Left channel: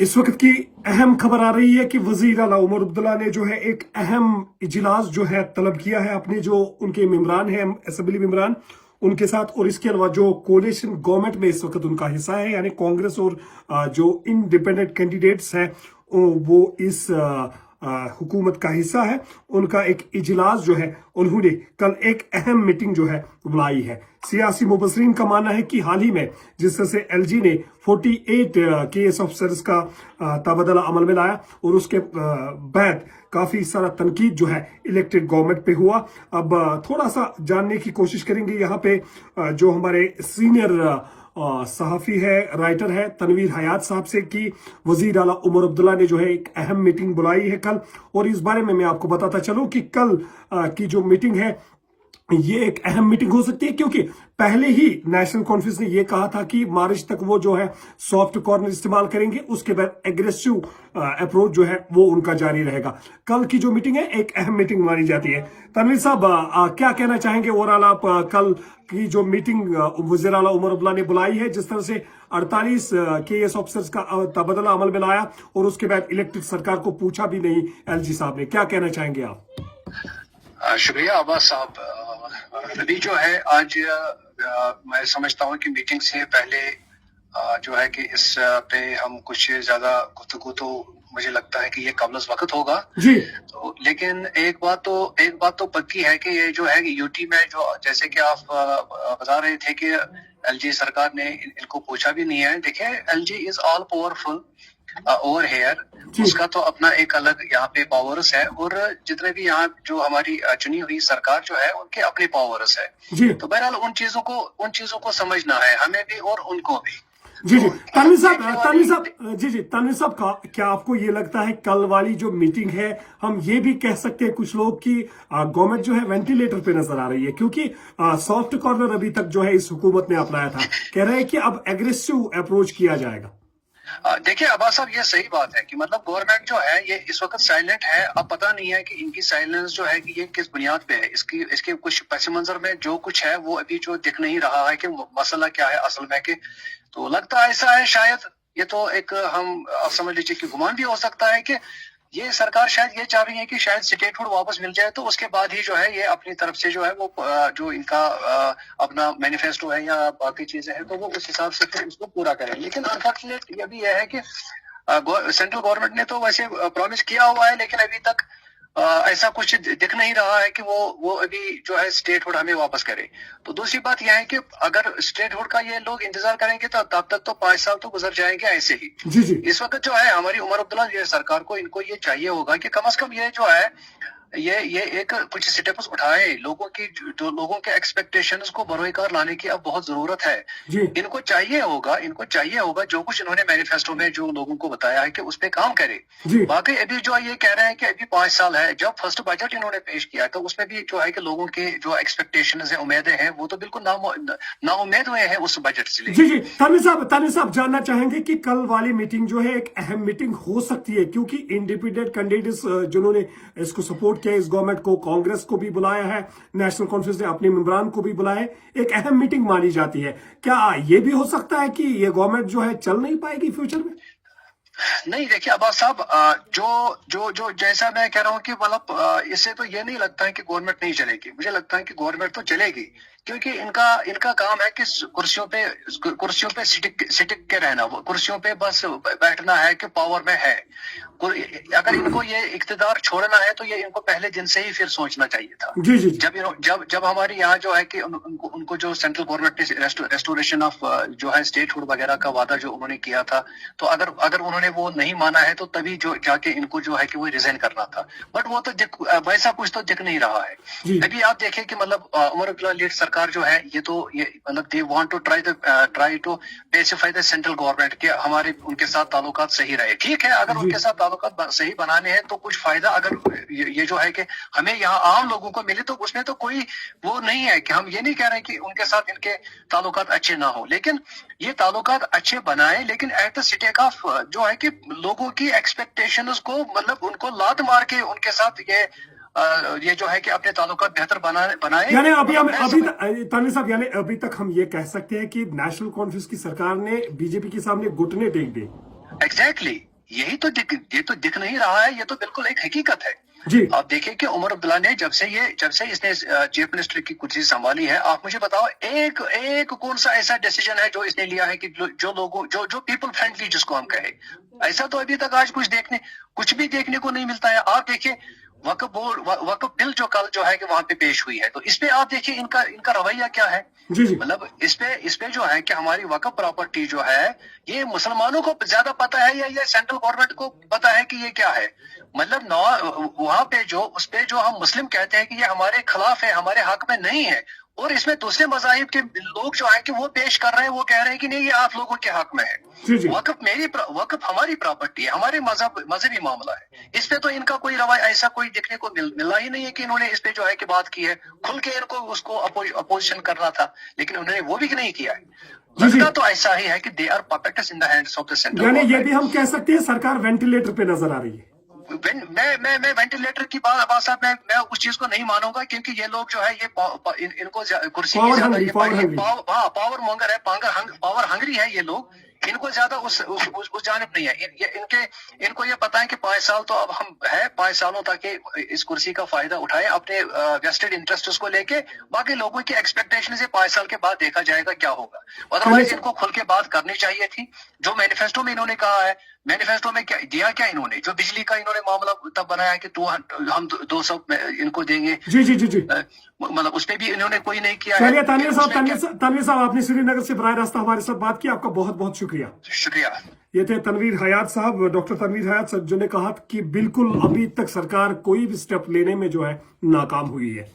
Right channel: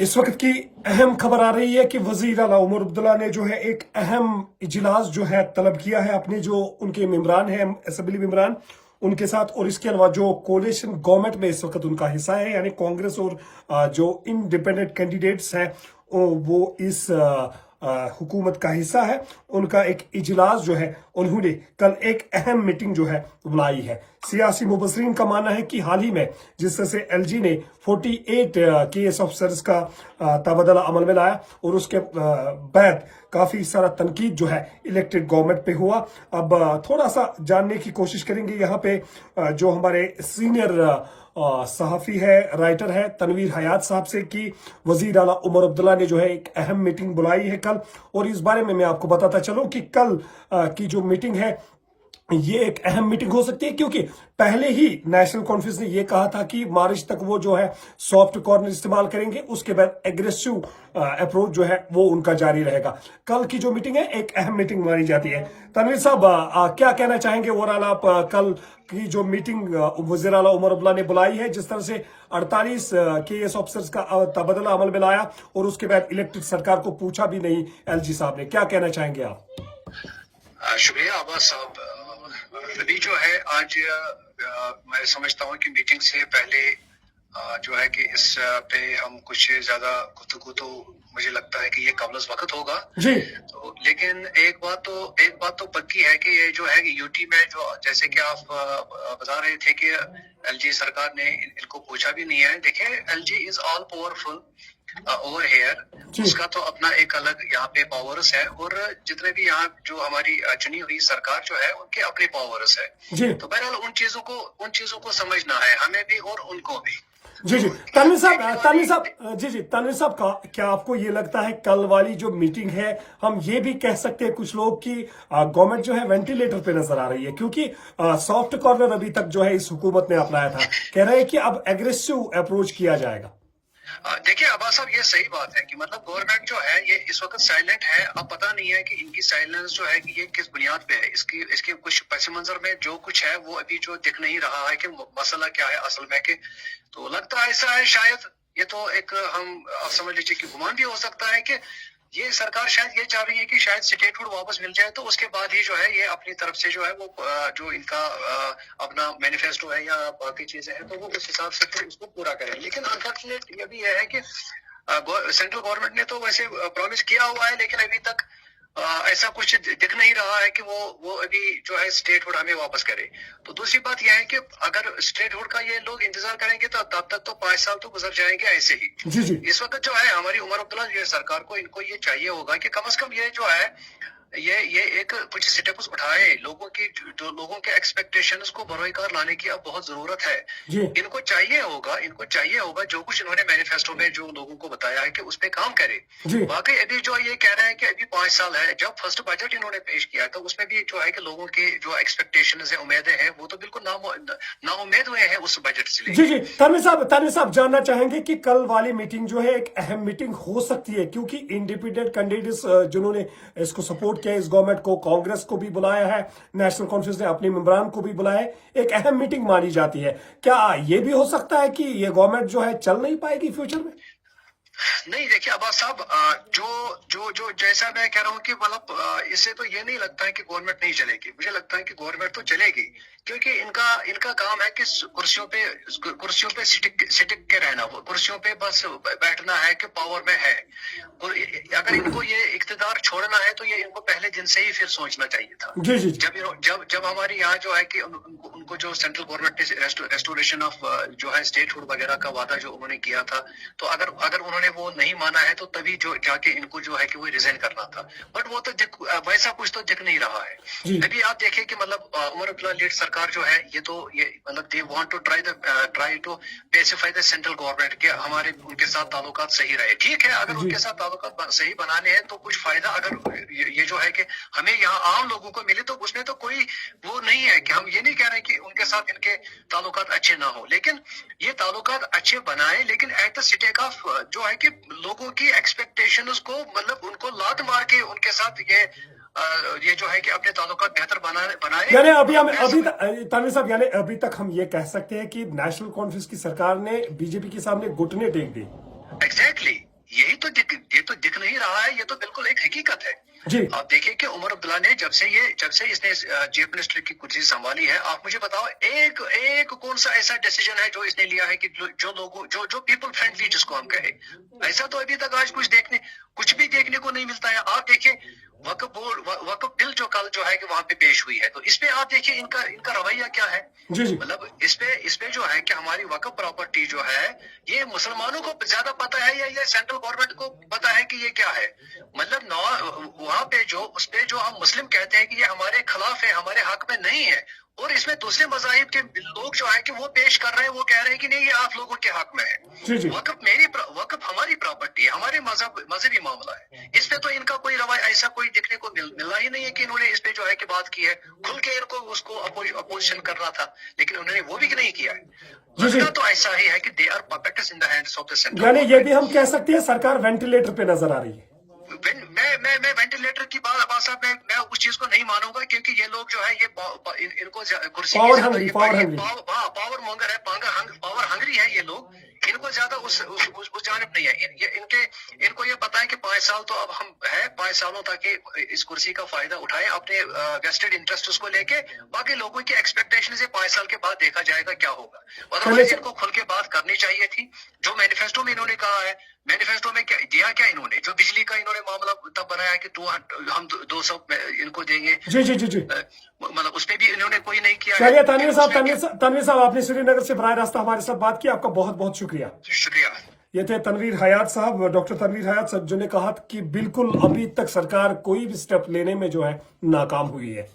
इस वक्त की अहम खबर आ रही है कि वजीर आला उमर अब्दुल्ला ने जो है एक अहम इजलास जो है तलब किया है अपने जो उनके मेंबरान हैं असेंबली मेंबरान उनके साथ, और इसके अलावा जो कोलिशन गवर्नमेंट में इस वक्त उनका हिस्सा है यानी कांग्रेस और जो इंडिपेंडेंट कैंडिडेट्स हैं वो इस हुकूमत का हिस्सा है, उनका एक इजलास जो है उन्होंने कल एक अहम मीटिंग जो है बुलाई है। सियासी मुबसरीन का मानना है कि हाल ही में जिस तरह से एलजी ने 48 केएस ऑफिसर्स का तबादला अमल में लाया और उसके बाद काफी सारा तनकीद जो है इलेक्टेड गवर्नमेंट पे हुआ। अब थोड़ा सा जानने की कोशिश करेंगे यहाँ पे जो हमारे सीनियर सहाफी है, राइटर है तनवीर हयात साहब से कि वजीर आला उमर अब्दुल्ला ने जो है एक अहम मीटिंग बुलाई है कल, और इस बारे में मैं आपको बताता चलूं कि कल की जो मीटिंग है ये एक अहम मीटिंग हो सकती है क्योंकि पहले ही नेशनल कॉन्फ्रेंस ने ये कहा था कि मार्च तक वो जो है सॉफ्ट कॉर्नर इस्तेमाल करेंगे, उसके बाद एग्रेसिव अप्रोच जो है वो उनका जारी रहेगा। कल की जो मीटिंग है एक अहम मीटिंग मानी जाती है। तनवीर साहब क्या कहना चाहेंगे ओवरऑल आप कल की जो मीटिंग वज़ीर आला उमर अब्दुल्ला ने बुलाई है, जिस तरह से 48 केएस ऑफिसर्स का तबादला अमल में लाया और उसके बाद इलेक्टेड सरकार को पूछा भी नहीं एलजी साहब ने, क्या कहना चाहेंगे आप? शुक्रिया अब्बास साहब। अभी जो है आज मैं समझता हूँ कि मीटिंग से पहले जो है कि इस पे हम कुछ ज्यादा गुफ्तगू तो मुझे लगता है कि ये कबल वक्त होगा जी। तो लेकिन एक बात तो पक्की है कि ये जो है यूटी में जो जैसे कि आप बता रहे थे कि एलजी सरकार ने इनको पूछा भी नहीं है। देखिए LG is all powerful over here, उसका तो अपना एक अलग यहाँ पे पावर्स है और जितने भी यहाँ जो हमारी चुनी हुई सरकार जो है उनके अपने पावर्स है। तो बहरहाल उन चीजों को समझना है हमें भी और उनको भी। जी जी तनवीर साहब का क्या आपको ये लगता है कल वाली जो मीटिंग है, हम ये भी कह सकते हैं कुछ लोग कि गवर्नमेंट जो है वेंटिलेटर पे नजर आ रही है क्योंकि सॉफ्ट कॉर्नर अभी तक जो है इस हुकूमत ने अपनाया था, कह रहे हैं कि अब एग्रेसिव अप्रोच किया जाएगा। देखिए अब्बास साहब ये सही बात है कि मतलब गवर्नमेंट जो है ये इस वक्त साइलेंट है। अब पता नहीं है कि इनकी साइलेंस जो है कि ये किस बुनियाद पे है, इसके कुछ पस मंजर में जो कुछ है वो अभी जो दिख नहीं रहा है कि मसला क्या है असल में के। तो लगता है ऐसा है शायद ये तो एक हम आप समझ लीजिए कि गुमान भी हो सकता है कि ये सरकार शायद ये चाह रही है कि शायद स्टेटहुड वापस मिल जाए तो उसके बाद ही जो है ये अपनी तरफ से जो है वो जो इनका अपना मैनिफेस्टो है या बाकी चीजें हैं तो वो उस हिसाब से फिर इसको पूरा करें। लेकिन अनफॉर्चुनेट ये भी है कि सेंट्रल गवर्नमेंट ने तो वैसे प्रॉमिस किया हुआ है लेकिन अभी तक ऐसा कुछ दिख नहीं रहा है कि वो अभी जो है स्टेटहुड हमें वापस करे। तो दूसरी बात यह है कि अगर स्टेटहुड का ये लोग इंतजार करेंगे तो तब तक तो 5 साल तो गुजर जाएंगे ऐसे ही। जी जी। इस वक्त जो है हमारी उमर अब्दुल्ला ये सरकार को इनको ये चाहिए होगा कि कम से कम ये जो है ये एक कुछ स्टेप्स उठाए, लोगों के एक्सपेक्टेशंस को बरोकार लाने की अब बहुत जरूरत है। इनको चाहिए होगा जो कुछ इन्होंने मैनिफेस्टो में जो लोगों को बताया है कि उस पे काम करे। बाकी अभी जो ये कह रहे हैं कि अभी 5 साल है, जब फर्स्ट बजट इन्होंने पेश किया तो उसमें भी जो है कि लोगों के जो एक्सपेक्टेशंस है उम्मीदें हैं वो तो बिल्कुल नाउम्मीद हुए हैं उस बजट से। जी जी तानिर साहब जानना चाहेंगे कि कल वाली मीटिंग जो है एक अहम मीटिंग हो सकती है क्योंकि इंडिपेंडेंट कैंडिडेट्स जिन्होंने इसको सपोर्ट किया इस गवर्नमेंट को, कांग्रेस को भी बुलाया है, नेशनल कॉन्फ्रेंस ने अपने मेंबरान को भी बुलाया है, एक अहम मीटिंग मानी जाती है। क्या ये भी हो सकता है कि ये गवर्नमेंट जो है चल नहीं पाएगी फ्यूचर में? नहीं देखिए अब्बास साहब जो जैसा मैं कह रहा हूँ कि मतलब इससे तो ये नहीं लगता है कि गवर्नमेंट नहीं चलेगी। मुझे लगता है कि गवर्नमेंट तो चलेगी क्योंकि इनका काम है कि कुर्सियों पे सिटिक के रहना, कुर्सियों पे बस बैठना है कि पावर में है। अगर इनको ये इख्तिदार छोड़ना है तो ये इनको पहले दिन से ही फिर सोचना चाहिए था। जी जी। जब हमारे यहाँ जो है कि उनको जो सेंट्रल गवर्नमेंट ने रेस्टोरेशन ऑफ जो है स्टेटहुड वगैरह का वादा जो उन्होंने किया था तो अगर उन्होंने वो नहीं माना है तो तभी जो जाके इनको जो है कि वो रिजाइन करना था। बट वो तो वैसा कुछ तो दिख नहीं रहा है। अभी आप देखें कि मतलब उमर अब्दुल्ला लीड सरकार जो है ये मतलब they want to try to pacify the central government के हमारे उनके साथ ताल्लुकात सही रहे। ठीक है, अगर उनके साथ ताल्लुकात सही बनाने हैं तो कुछ फायदा अगर ये जो है कि हमें यहाँ आम लोगों को मिले तो उसमें तो कोई वो नहीं है कि हम ये नहीं कह रहे कि उनके साथ इनके ताल्लुकात अच्छे ना हो, लेकिन ये ताल्लुकात अच्छे बनाए लेकिन एट द स्टेक ऑफ जो है कि लोगों की एक्सपेक्टेशंस को मतलब उनको लात मार के उनके साथ ये जो है कि अपने ताल्लुकात बेहतर बनाए। यानी तानिर साहब यानी अभी तक हम ये कह सकते हैं कि नेशनल कॉन्फ्रेंस की सरकार ने बीजेपी के सामने घुटने टेक दिए। एग्जैक्टली यही तो ये तो दिख नहीं रहा है, ये तो बिल्कुल एक हकीकत है। जी आप देखिए कि उमर अब्दुल्ला ने जब से इसने चीफ मिनिस्टर की कुर्सी संभाली है, आप मुझे बताओ एक कौन सा ऐसा डिसीजन है जो इसने लिया है कि जो लोगों जो पीपल फ्रेंडली जिसको हम कहें, ऐसा तो अभी तक आज कुछ भी देखने को नहीं मिलता है। आप देखिए वक्फ बिल जो कल जो है कि वहां पे पेश हुई है, तो इस पे आप देखिए इनका रवैया क्या है। जी जी मतलब इस पे जो है कि हमारी वक्फ प्रॉपर्टी जो है ये मुसलमानों को ज्यादा पता है या ये सेंट्रल गवर्नमेंट को पता है कि ये क्या है। मतलब वहां पे उस पे जो हम मुस्लिम कहते हैं कि ये हमारे खिलाफ है, हमारे हक में नहीं है, और इसमें दूसरे मज़ाहिब के लोग जो है कि वो पेश कर रहे हैं, वो कह रहे हैं कि नहीं ये आप लोगों के हक में है। जी जी वक्फ हमारी प्रॉपर्टी है, हमारे मजहबी मामला है। इस पे तो इनका कोई रवैया ऐसा कोई दिखने को मिला ही नहीं है कि इन्होंने इस पे जो है कि बात की है। खुल के इनको उसको अपोजिशन करना था, लेकिन उन्होंने वो भी नहीं किया है। जी जी लगता तो ऐसा ही है कि they are puppets in the hands of the central यानी ये गवर्नमेंट। भी हम कह सकते हैं सरकार वेंटिलेटर पे नजर आ रही है। मैं वेंटिलेटर की बात साहब मैं उस चीज को नहीं मानूंगा, क्योंकि ये लोग जो है ये इनको कुर्सी की ज्यादा ये पावर मॉन्गर है, पावर हंगरी है ये लोग। इनको ज्यादा उस जानिब नहीं है। इनको ये पता है कि 5 साल तो अब हम है, 5 सालों तक इस कुर्सी का फायदा उठाए अपने वेस्टेड इंटरेस्ट को लेके। बाकी लोगों की एक्सपेक्टेशन से 5 साल के बाद देखा जाएगा क्या होगा। अदरवाइज इनको खुल के बात करनी चाहिए थी। जो मैनिफेस्टो में इन्होंने कहा है, मैनिफेस्टो में क्या इन्होंने जो बिजली का इन्होंने मामला तब बनाया कि हम 200 इनको देंगे। जी जी जी जी मतलब उस पर भी इन्होंने कोई नहीं किया चलिए है। तनवीर साहब आपने श्रीनगर से बराह रास्त हमारे साथ बात की, आपका बहुत बहुत शुक्रिया। शुक्रिया। ये थे तनवीर हयात साहब, डॉक्टर तनवीर हयात साहब, जो ने कहा कि बिल्कुल अभी तक सरकार कोई भी स्टेप लेने में जो है नाकाम हुई है।